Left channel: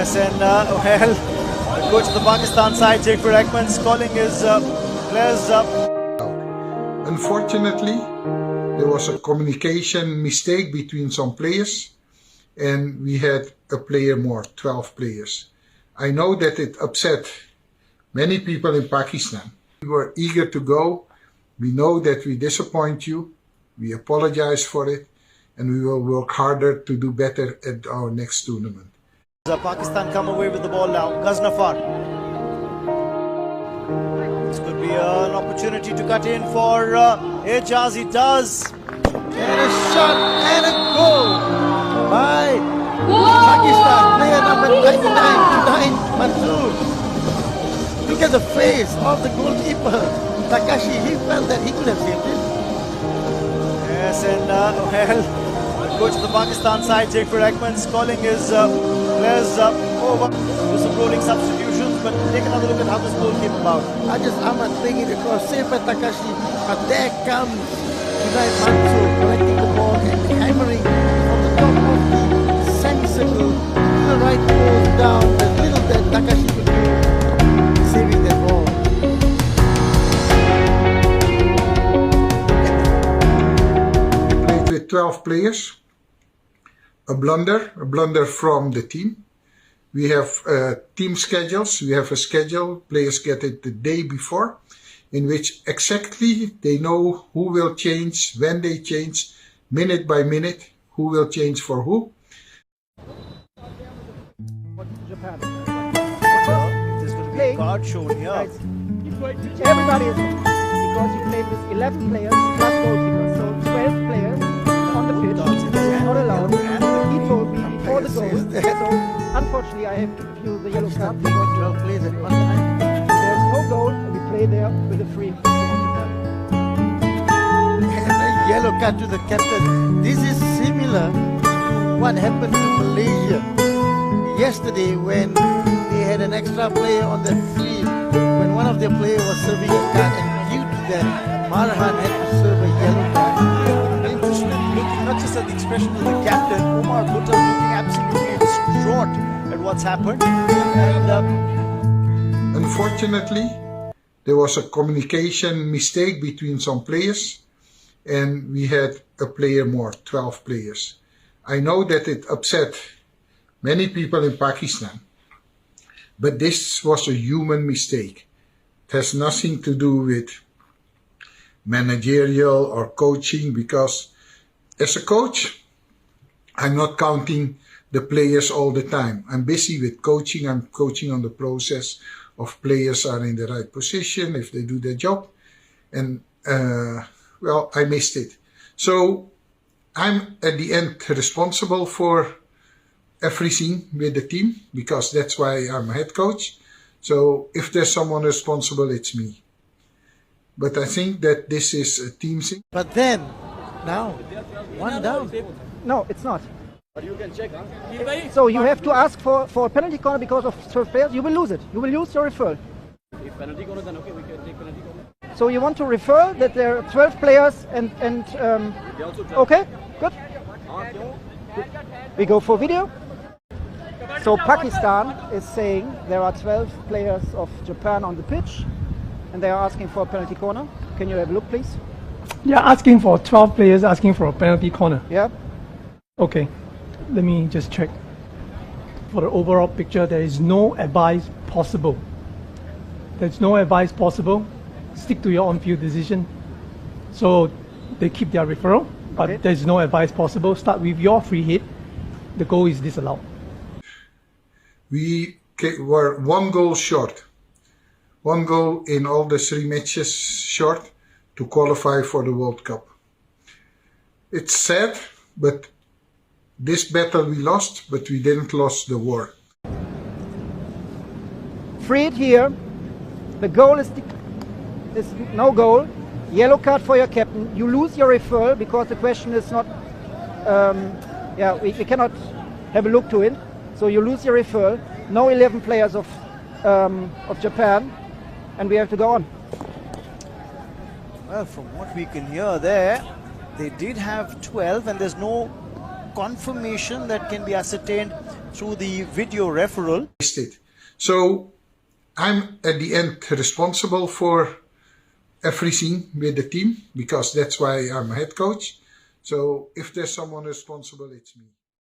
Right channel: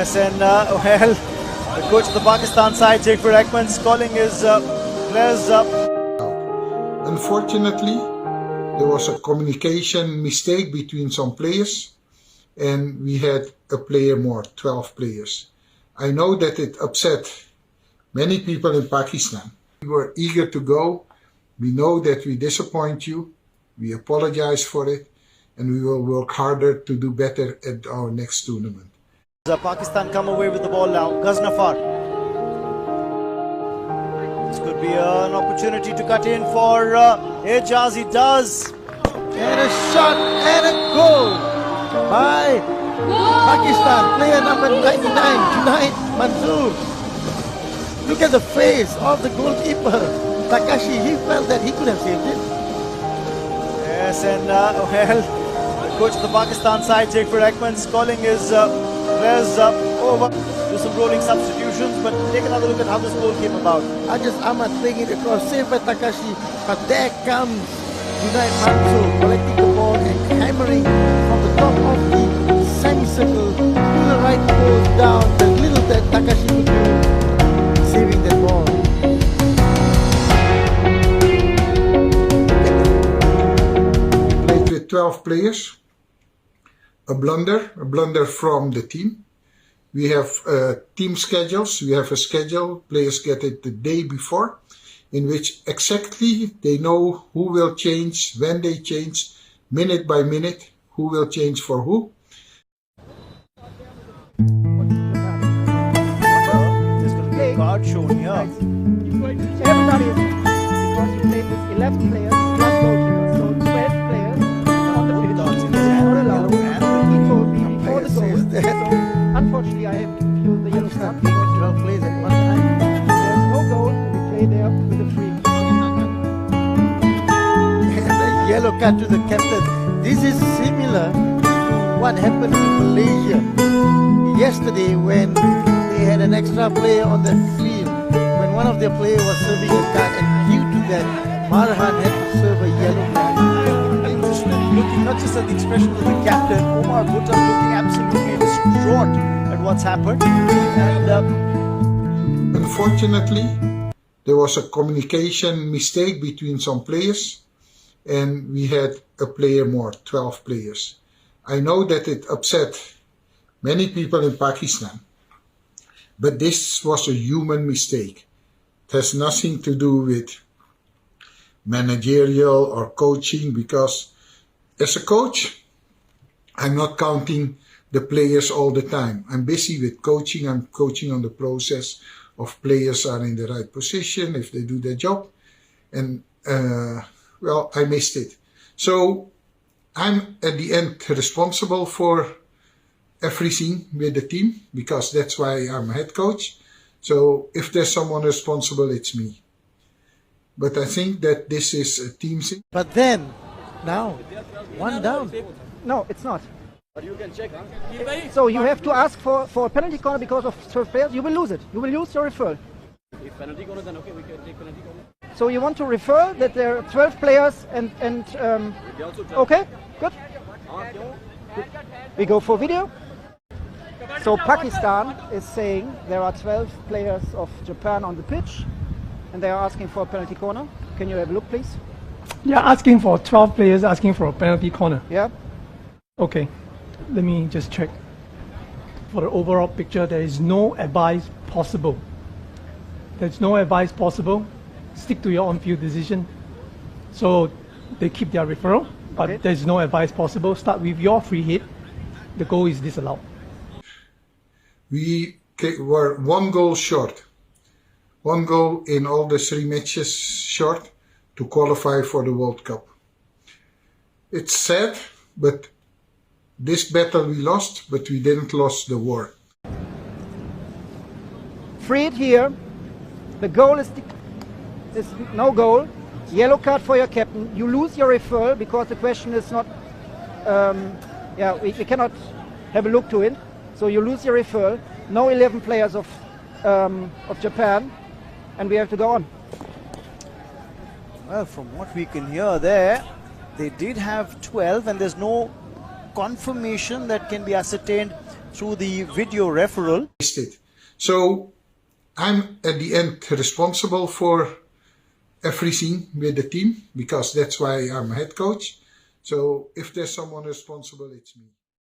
Yes, and well, the coach of the Pakistan side, Segfried Aikman, is calling his players up. Unfortunately, there was a communication mistake between some players, and we had a player more, 12 players. I know that it upset many people in Pakistan. We were eager to go. We know that we disappoint you. We apologize for it, and we will work harder to do better at our next tournament. Pakistan come away with the ball now. Ghaznafar. This could be an opportunity to cut in for Ejaz. He does. And a shot and a goal by Pakistan. Player number 99, Mansoor. Look at the face of the goalkeeper. Takashi, he felt that he could have saved it. Yes, and well, the coach of the Pakistan side, Segfried Aikman, is calling his players over. Do some rolling substitutions, but take another look at how this goal came about. Ahmad playing it across, saved by Takashi, but there comes Unai Mansoor collecting the ball and hammering from the top of the semicircle to the right post down. There's little that Takashi could do, saving that ball. With 12 players, a blunder from the team. We have team schedules. We have a schedule. Players get it the day before, in which exactly they know who will change, when they change, minute by minute, who will change for who. Japan. There's going to be a card shown here. Everybody is because you played with 11 players plus goalkeepers, so 12 players on the pitch. It's not allowed. He told me before the goal. So unfortunately, I have to give you the yellow card. 12 players at one time. There's no goal, and we play there with a free. And a yellow card to the captain. This is similar to what happened to Malaysia yesterday when they had an extra player on the field when one of their players was serving a card, and due to that, Marhan had to serve a yellow card. Interesting, looking not just at the expression of the captain, Umar Bhutta looking absolutely distraught at what's happened. And unfortunately, there was a communication mistake between some players, and we had a player more, 12 players. I know that it upset many people in Pakistan, but this was a human mistake. It has nothing to do with managerial or coaching, because as a coach, I'm not counting the players all the time. I'm busy with coaching. I'm coaching on the process of players are in the right position, if they do their job. And, well, I missed it. So I'm at the end responsible for everything with the team, because that's why I'm a head coach. So if there's someone responsible, it's me. But I think that this is a team thing. but then, now, one down. No, it's not. But you can check. So you have to ask for a penalty corner because of 12 players. You will lose it. You will lose your referral. If penalty corner, then okay, we can take penalty corner. So you want to refer that there are 12 players and They also 12. okay, good. We go for video. So Pakistan is saying there are 12 players of Japan on the pitch, and they are asking for a penalty corner. Can you have a look, please? Yeah, asking for 12 players, asking for a penalty corner. Yeah. Okay, let me just check. For the overall picture, there is no advice possible. There's no advice possible. Stick to your on-field decision. So they keep their referral, but Okay. there's no advice possible. Start with your free hit. The goal is disallowed. We were one goal short. One goal in all the 3 matches short to qualify for the World Cup. It's sad, but this battle we lost, but we didn't lose the war. Free hit here. The goal is no goal. Yellow card for your captain. You lose your referral because the question is not. We cannot have a look to it. So you lose your referral. No 11 players of Japan, and we have to go on. Well, from what we can hear there, they did have 12, and there's no confirmation that can be ascertained through the video referral. So I'm at the end responsible for everything with the team because that's why I'm head coach. So if there's someone responsible, it's me.